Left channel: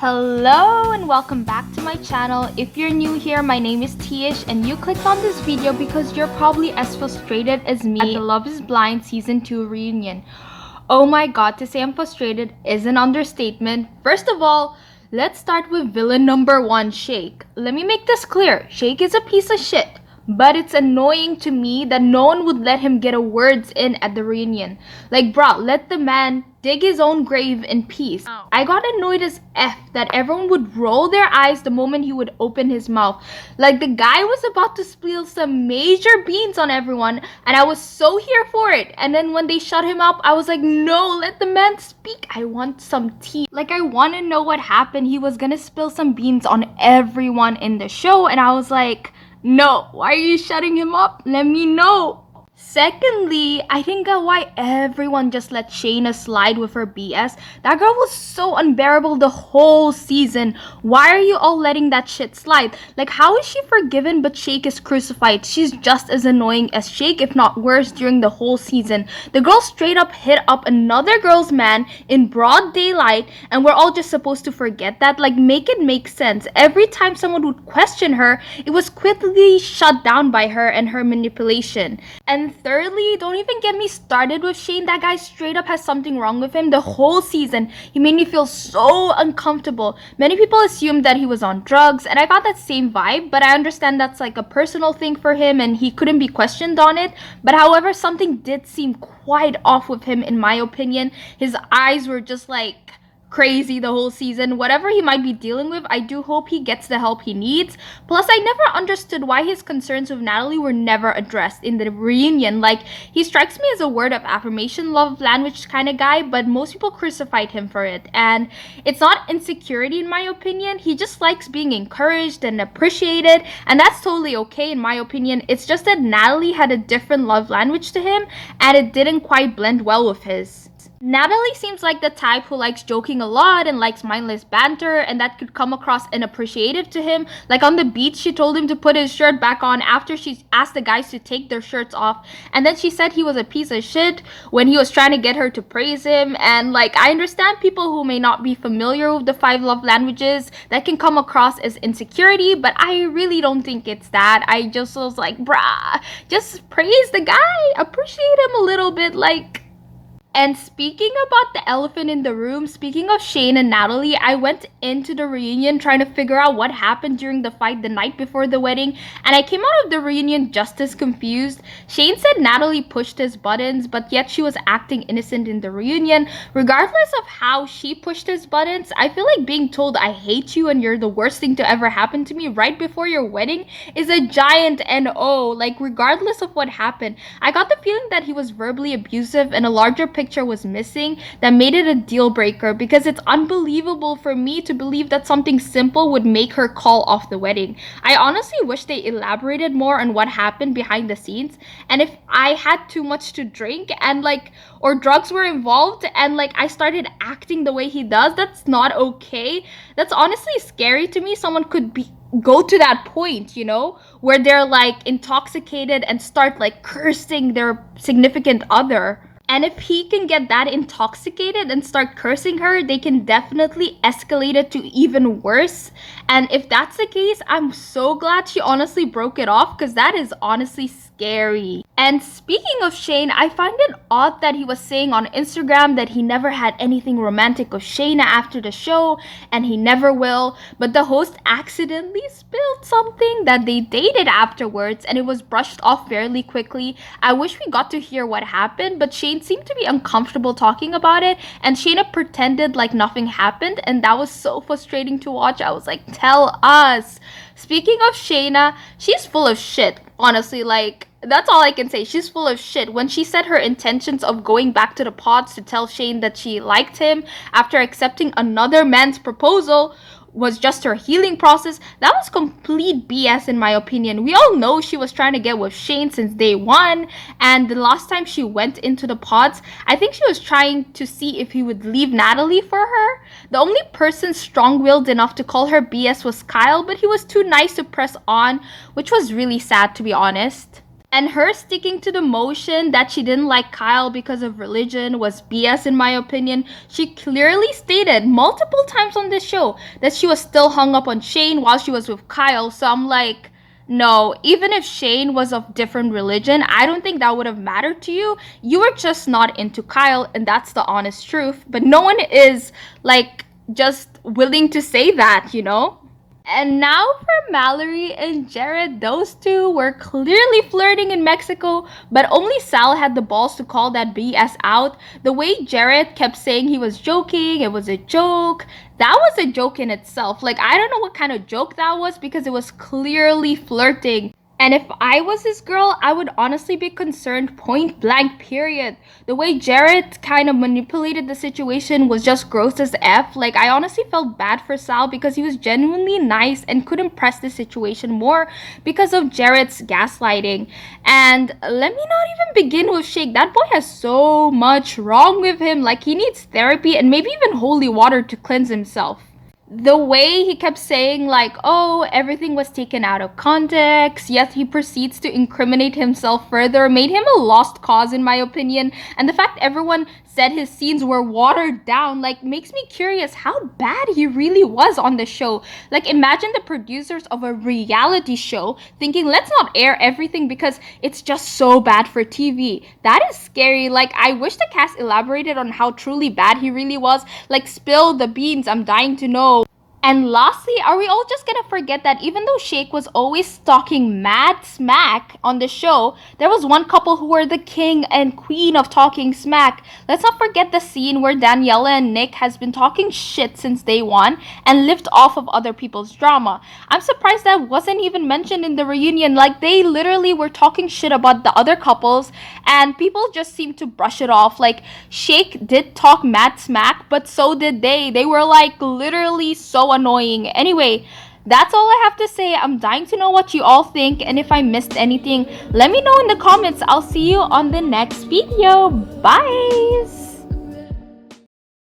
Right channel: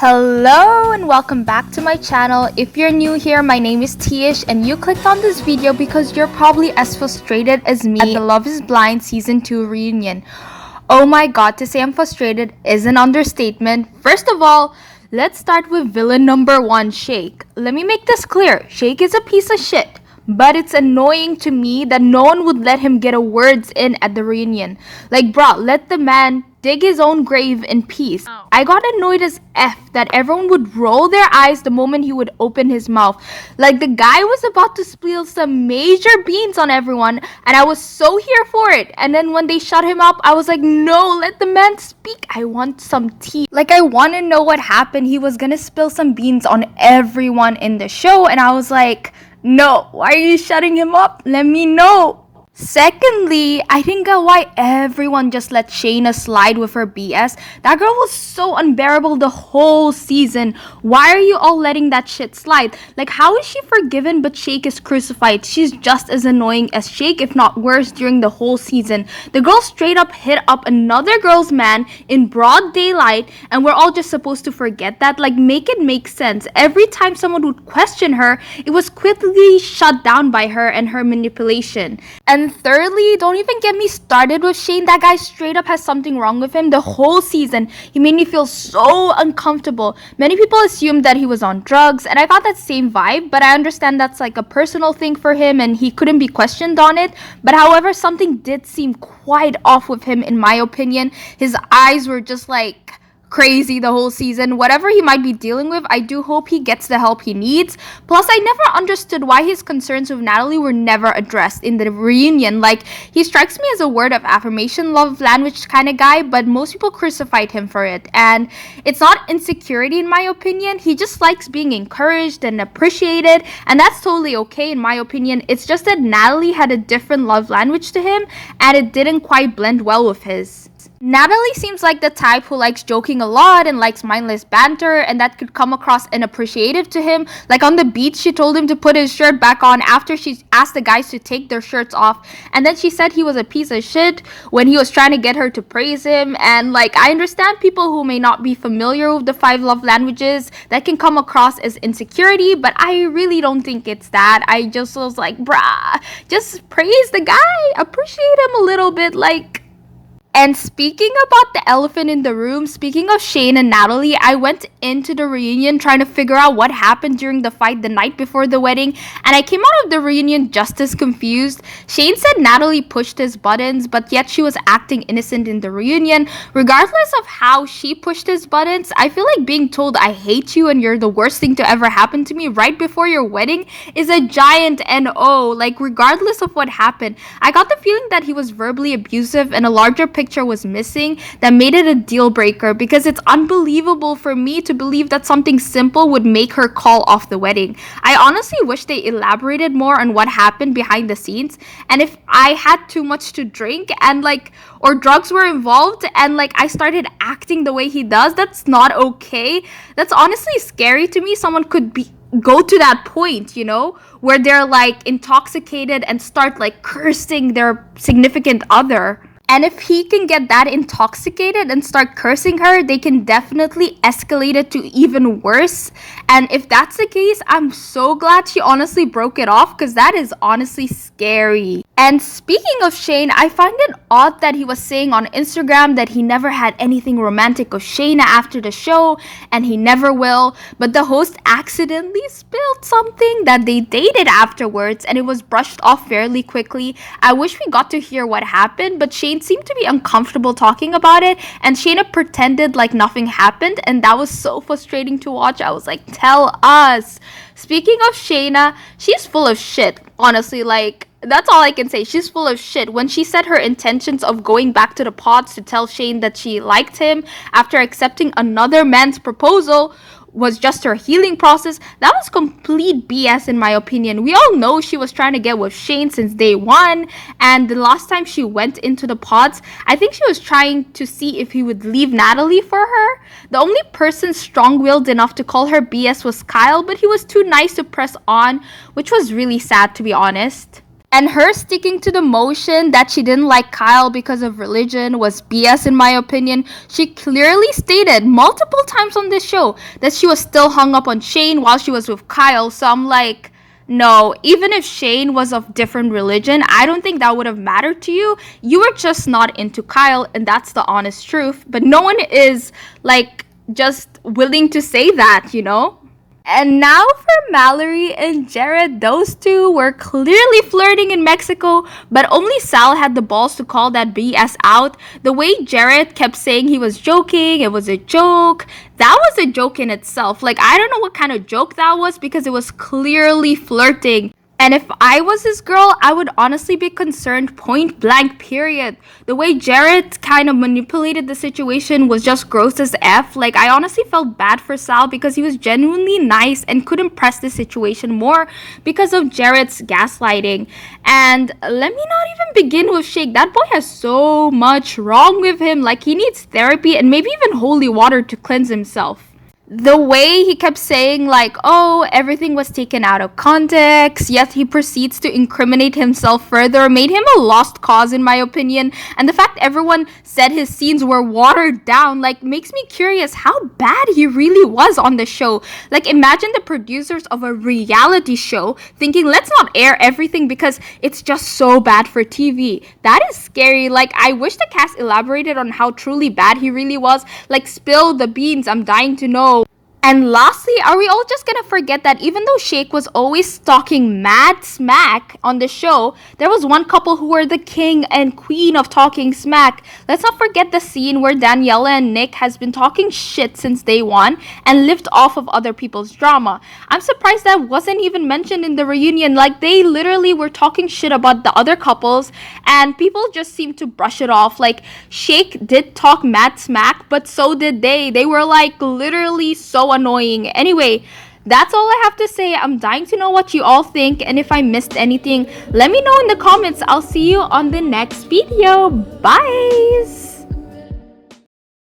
Hello and welcome back to my channel. If you're new here, my name is Tish and you clicked on this video because you're probably as frustrated as me at the Love is Blind Season 2 reunion. Oh my god, to say I'm frustrated is an understatement. First of all, let's start with villain number 1, Shake. Let me make this clear. Shake is a piece of shit. But it's annoying to me that no one would let him get a words in at the reunion. Like, bruh, let the man dig his own grave in peace. I got annoyed as F that everyone would roll their eyes the moment he would open his mouth. Like, the guy was about to spill some major beans on everyone, and I was so here for it. And then when they shut him up, I was like, no, let the man speak. I want some tea. Like, I want to know what happened. He was gonna spill some beans on everyone in the show, and I was like, no, why are you shutting him up? Let me know. Secondly, I didn't get why everyone just let Shayna slide with her BS. That girl was so unbearable the whole season. Why are you all letting that shit slide? Like, how is she forgiven but Shake is crucified? She's just as annoying as Shake, if not worse, during the whole season. The girl straight up hit up another girl's man in broad daylight, and we're all just supposed to forget that? Like, make it make sense. Every time someone would question her, it was quickly shut down by her and her manipulation. And thirdly, don't even get me started with Shane. That guy straight up has something wrong with him the whole season. He made me feel so uncomfortable. Many people assumed that he was on drugs, and I got that same vibe, but I understand that's like a personal thing for him and he couldn't be questioned on it. But however, something did seem quite off with him in my opinion. His eyes were just like crazy the whole season. Whatever he might be dealing with, I do hope he gets the help he needs. Plus, I never understood why his concerns with Natalie were never addressed in the reunion. Like, he strikes me as a word of affirmation, love language kind of guy, but most people crucified him for it. And it's not insecurity in my opinion. He just likes being encouraged and appreciated, and that's totally okay in my opinion. It's just that Natalie had a different love language to him, and it didn't quite blend well with his. Natalie seems like the type who likes joking a lot and likes mindless banter, and that could come across inappreciative to him. Like on the beach, she told him to put his shirt back on after she asked the guys to take their shirts off, and then she said he was a piece of shit when he was trying to get her to praise him. And like, I understand people who may not be familiar with the 5 love languages, that can come across as insecurity, but I really don't think it's that. I just was like, bruh, just praise the guy, appreciate him a little bit, like. And speaking about the elephant in the room, speaking of Shane and Natalie, I went into the reunion trying to figure out what happened during the fight the night before the wedding, and I came out of the reunion just as confused. Shane said Natalie pushed his buttons, but yet she was acting innocent in the reunion. Regardless of how she pushed his buttons, I feel like being told I hate you and you're the worst thing to ever happen to me right before your wedding is a giant NO. Like, regardless of what happened, I got the feeling that he was verbally abusive and a larger picture was missing that made it a deal breaker, because it's unbelievable for me to believe that something simple would make her call off the wedding. I honestly wish they elaborated more on what happened behind the scenes, and if I had too much to drink and like, or drugs were involved and like I started acting the way he does, that's not okay. That's honestly scary to me. Someone could go to that point, you know, where they're like intoxicated and start like cursing their significant other. And if he can get that intoxicated and start cursing her, they can definitely escalate it to even worse. And if that's the case, I'm so glad she honestly broke it off, because that is honestly scary. And speaking of Shane, I find it odd that he was saying on Instagram that he never had anything romantic with Shayna after the show, and he never will. But the host accidentally spilled something that they dated afterwards, and it was brushed off fairly quickly. I wish we got to hear what happened, but Shane seemed to be uncomfortable talking about it, and Shayna pretended like nothing happened, and that was so frustrating to watch. I was like, tell us. Speaking of Shayna, she's full of shit, honestly. Like, that's all I can say. She's full of shit. When she said her intentions of going back to the pods to tell Shane that she liked him after accepting another man's proposal was just her healing process, that was complete BS in my opinion. We all know she was trying to get with Shane since day one, and the last time she went into the pods, I think she was trying to see if he would leave Natalie for her. The only person strong-willed enough to call her BS was Kyle, but he was too nice to press on, which was really sad to be honest. And her sticking to the motion that she didn't like Kyle because of religion was BS in my opinion. She clearly stated multiple times on this show that she was still hung up on Shane while she was with Kyle. So I'm like, no, even if Shane was of different religion, I don't think that would have mattered to you. You were just not into Kyle, and that's the honest truth. But no one is like just willing to say that, you know? And now for Mallory and Jared, those two were clearly flirting in Mexico, but only Sal had the balls to call that BS out. The way Jared kept saying he was joking, it was a joke. That was a joke in itself. Like, I don't know what kind of joke that was because it was clearly flirting. And if I was this girl, I would honestly be concerned point blank, period. The way Jared kind of manipulated the situation was just gross as F. Like, I honestly felt bad for Sal because he was genuinely nice and couldn't press the situation more because of Jared's gaslighting. And let me not even begin with Shake. That boy has so much wrong with him. Like, he needs therapy and maybe even holy water to cleanse himself. The way he kept saying like, oh, everything was taken out of context, yet he proceeds to incriminate himself further, made him a lost cause in my opinion. And the fact everyone said his scenes were watered down like makes me curious how bad he really was on the show. Like, imagine the producers of a reality show thinking, let's not air everything because it's just so bad for TV. That is scary. Like, I wish the cast elaborated on how truly bad he really was. Like, spill the beans, I'm dying to know. And lastly, are we all just gonna forget that even though Shake was always talking mad smack on the show, there was one couple who were the king and queen of talking smack? Let's not forget the scene where Daniela and Nick has been talking shit since day one and lived off of other people's drama. I'm surprised that wasn't even mentioned in the reunion. Like, they literally were talking shit about the other couples and people just seemed to brush it off. Like, Shake did talk mad smack, but so did they. They were like literally so annoying. Anyway, that's all I have to say. I'm dying to know what you all think, and if I missed anything, let me know in the comments. I'll see you on the next video. Bye.